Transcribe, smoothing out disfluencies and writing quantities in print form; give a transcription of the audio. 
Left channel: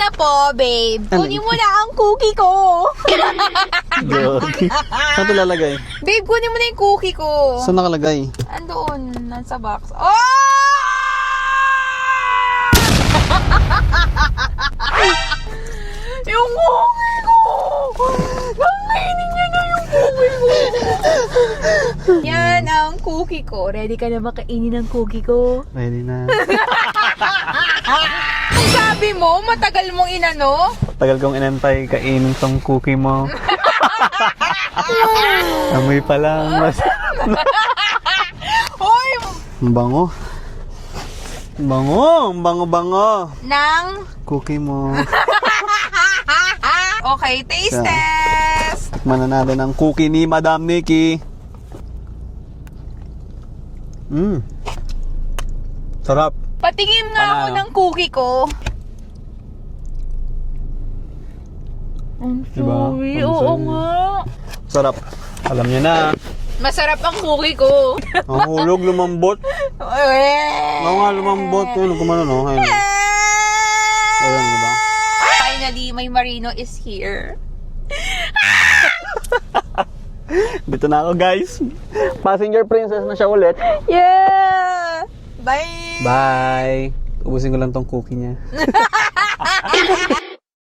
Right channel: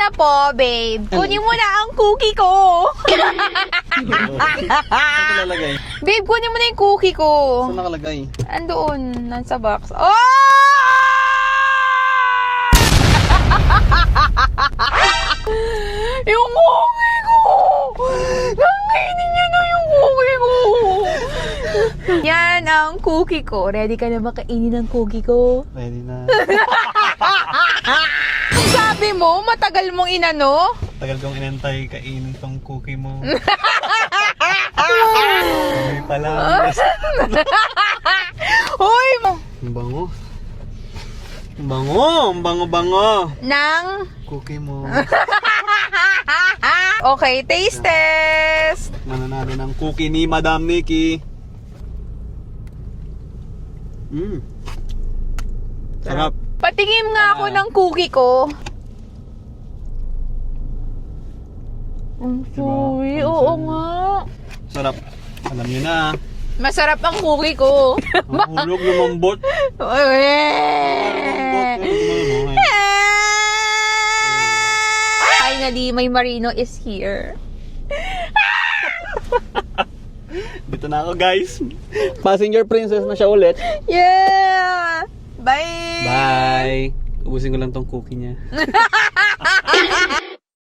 na po, babe. Kunin mo na ang cookie ko. Saan ito lalagay? Babe, kunin mo na yung cookie ko. Saan nakalagay? Andoon, nasa box. Oh! Yung cookie ko! Nakainin niyo na yung cookie ko! Yan ang cookie ko. Ready ka na makainin ng cookie ko? Ready na. Sabi mo, matagal mong inano? Tagal kong inantay kainin tong cookie mo. Amoy pa lang. Hoy! Ang bango. Ang bango. Ang bango-bango. Nang? Cookie mo. Okay, taste test! Mananalo ng cookie ni Madam Nikki. Sarap. Patingin nga ako Ano? ng cookie ko. Ang Diba? sorry, Ang oo sorry. nga. Sarap. Alam niyo na. Masarap ang cookie ko. Ang hulog lumambot. Oo nga, lumambot. Hulog kumano, no? Ayun. Ayun, diba? Finally, my Marino is here. Dito na ako, guys. Passenger princess na siya ulit. Yeah! Bye! Bye. Ubusin ko lang tong cookie niya.